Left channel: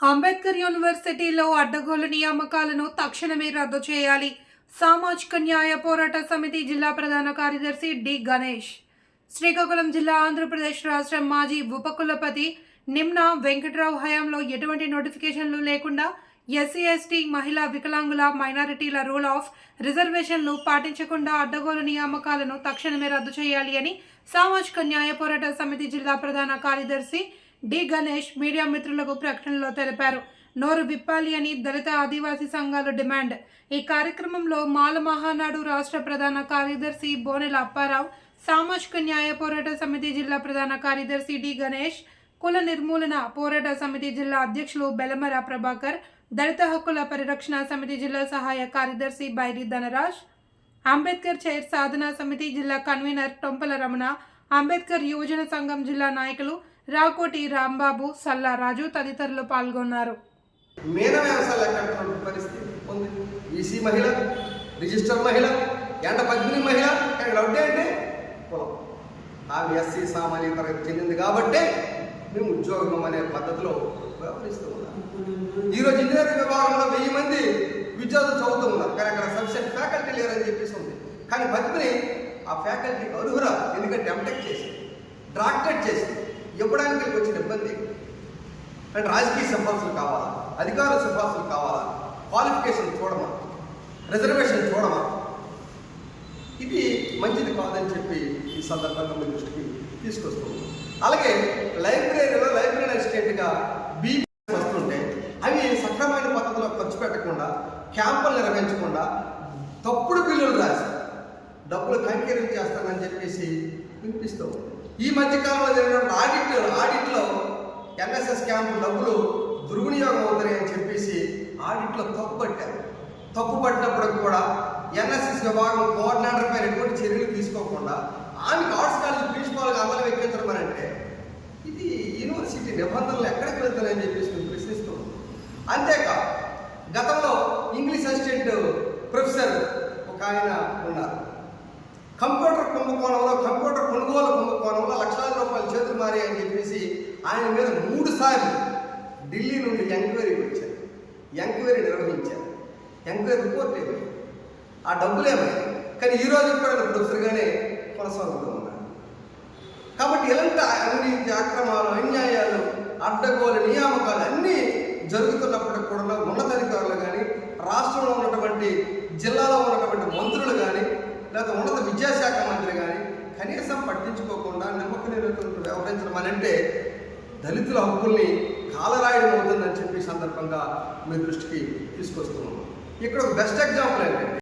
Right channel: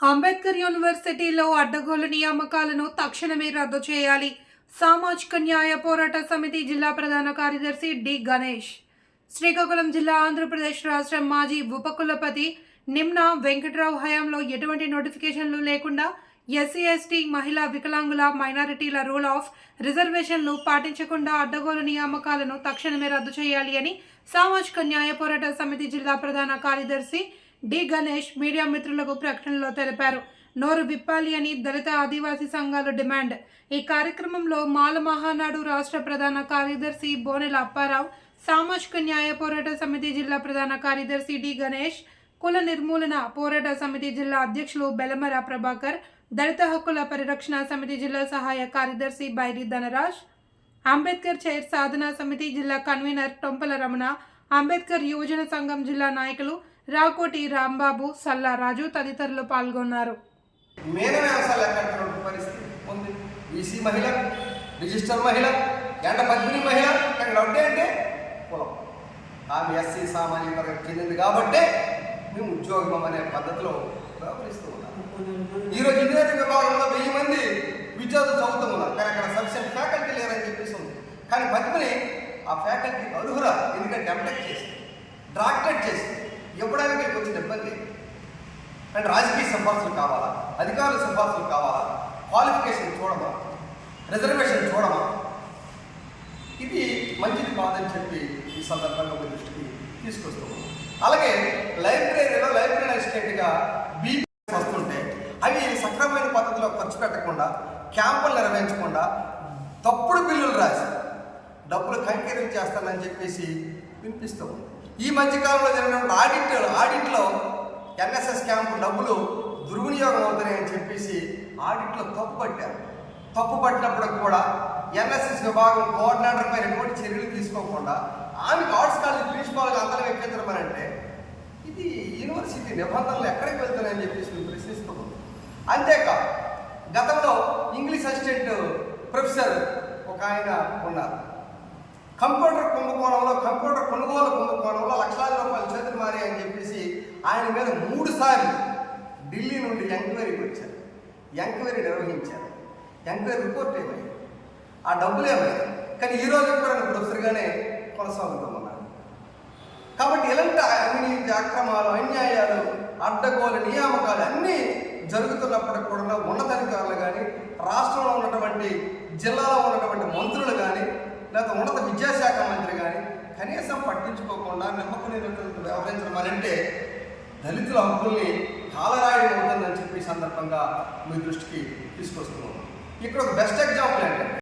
అంబేద్కర్ యూనివర్సిటీలో అడ్డగోలు నియామకాలను తక్షణమే రద్దు చేయాలి. సామాజిక న్యాయ పోరాట సమితి జిల్లా ప్రధాన కార్యదర్శి డి. గణేష్. శ్రీకాకుళం జిల్లా ఆంధ్రప్రదేశ్ రాష్ట్రం మాజీ ఉపకులపతి నిమ్న వెంకట్రావు హయాంలో ఎటువంటి నోటిఫికేషన్లు లేకుండా ఎస్సీ ఎస్టీ మహిళా వికలాంగుల మైనారిటీల రూల్ ఆఫ్ రిజర్వేషన్లు పాటించకుండా అడ్డగోలు నియామకాలను తక్షణమే రద్దు చేయాలి అని సామాజిక న్యాయ పోరాట సమితి జిల్లా ప్రధాన కార్యదర్శి డి గణేష్ మీడియా మిత్రులకు ప్రకటనలో తెలిపారు. నోరు విప్పాలి అని దళిత ఆదివాసీ సంఘాలు డిమాండ్. ఈ కార్యక్రమంలో మాల మహానాడు రాష్ట్ర ప్రధాన కార్యదర్శి బోనెల అప్పారావు సామాజిక న్యాయ పోరాట సమితి జిల్లా ప్రధాన కార్యదర్శి డి గణేష్ కుల నిర్మూలన పోరాట సమితి జిల్లా అధ్యక్షులు బెలమర ప్రభాకర్ దళిత హక్కుల పరిరక్షణ సమితి జిల్లా సహాయ కార్యదర్శి బైరి ధనరాజ్ అంబేద్కర్ చైర్ సాధనా సమితి జిల్లా కన్వీనర్ టొంపల రమణ అంబేద్కర్ యువజన సంఘం జిల్లా నాయకులు రాకోటి రాంబాబు సల్లా రాజు తదితరులు పాల్గొన్నారు. మేన వ్యవసాయ ఎక్కడుతున్నటువంటి పరిస్థితి ఉంది. బీసీ మహిళ రిజిస్టర్ మహిళ ఎండ పద్మిని మహిళ ఇక్కడ ఒకటే అంటే కులం ఆమె ఎస్సీ సామాన్య తరగతి చెందింది కాబట్టే మేము ఉద్యోగం అనే పద్ధతిలో వ్యవహరిస్తూ ఉన్నాం. ఈరోజు ఇంజనీరింగ్ విభాగంలో వెయ్యి మంది విద్యార్థులు చదువుతూ ఉన్నారు. కానీ అక్కడ సఫిషియెంట్ ఫ్యాకల్టీ లేరని చెప్పేసి ఉంది. కానీ పద్మిని ఆ ఫ్యాకల్టీ అర్హురా ఎందుకంటే ఎంటెక్ చేసి డాక్టరేట్ చేసి ఇవ్వడానికి వచ్చిన ఇబ్బంది. అంటే రాజకీయ సిఫార్సులు కావాలా? అధికారుల సిఫార్సులు కావాలా? క్వాలిఫికేషన్ చూడమా? రిజర్వేషన్ చూడమా? ఇది మంచిది కాదని చెప్పి ఈ సందర్భంగా మీ దృష్టికి తీసుకొస్తూ ఉన్నాం. అలాగే లైబ్రరీలో లైబ్రరీ అసిస్టెంట్గా బీ వస్తుంటే అవి సక్రమైన పద్ధతిలో ఖర్చు పెట్టకుండా క్యాంపులు నిర్వహించకుండా తప్పుడు బిల్లులు రాసి డబ్బులు కంకీరం చేస్తానని చెప్పేసి వినిపిస్తూ ఉంది. ఈ మధ్యకాలంలో జరిగినటువంటి ఆడిట్ ఆడిట్లో ఎన్ఎస్ఎస్ క్యాంపు డబ్బులు దుర్వినియోగం అవుతున్నాయి అని చెప్పేసి ఆడిట్లో తప్పు పట్టారు. తప్పు పట్టినప్పుడు కూడా ఎన్ఎస్ఎస్ విభాగం కోఆర్డినేటర్ పైన ఎటువంటి చర్యలు తీసుకోకుండా ఆమెకు ఆర్ట్స్ కాలేజ్ ప్రిన్సిపాల్గా అందరం ఎక్కించడం అంటే ఇది యూనివర్సిటీ నిబంధనలు ఎక్కడికి వెళ్తున్నాయని చెప్పేసి మేము ప్రశ్నిస్తున్నాం అంతేకాదు గతంలో ఇంగ్లీష్ అసిస్టెంట్ ప్రొఫెసర్ ఒక ఆయన ఉన్నారు. కంప్యూటర్ కుంభకోణంలో కంప్యూటర్ కొనుగోలు కుంభకోణంలో లక్షలాది రూపాయలు చేతులు మారి అని చెప్పేసి ఆయన మీద మూడు సార్లు ఢిల్లీ నుండి ఎంక్వైరీకి వచ్చారు. ఎంక్వైరీ నిర్వహించారు. ఎంక్వైరీ రిపోర్ట్ ఏమైంది? ఆ డబ్బులు ఏమైంది? కానీ ఈ రోజు కూడా ఆయన ప్రొఫెసర్గానే కొనసాగుతూ ఉన్నారు కాబట్టి ఇలాంటి అవినీతి అక్రమాలు అన్యాయాలు అడ్డగోలు నియామకాలు అన్నీ జరుగుతున్నప్పటికి కూడా ఉన్నతాధికారులు కానీ రాష్ట్రంలో ఉన్నటువంటి జిల్లాలో ఉన్నటువంటి మంత్రులు కానీ లేకపోతే ఉన్నత విద్యాశాఖ మంత్రి కానీ కనీసం పట్టించుకోకుండా నిమ్మక నిరంతరంతో వ్యవహరించడం అని అంటే దళితుల హక్కుల్ని కాలరాయడం అవుతుందని చెప్పి సందర్భంగా మీ దృష్టికి తీసుకొస్తూ ఉన్నాం. ఇక్కడ ఒక బెస్ట్ ఎగ్జాంపుల్ ఏంటంటే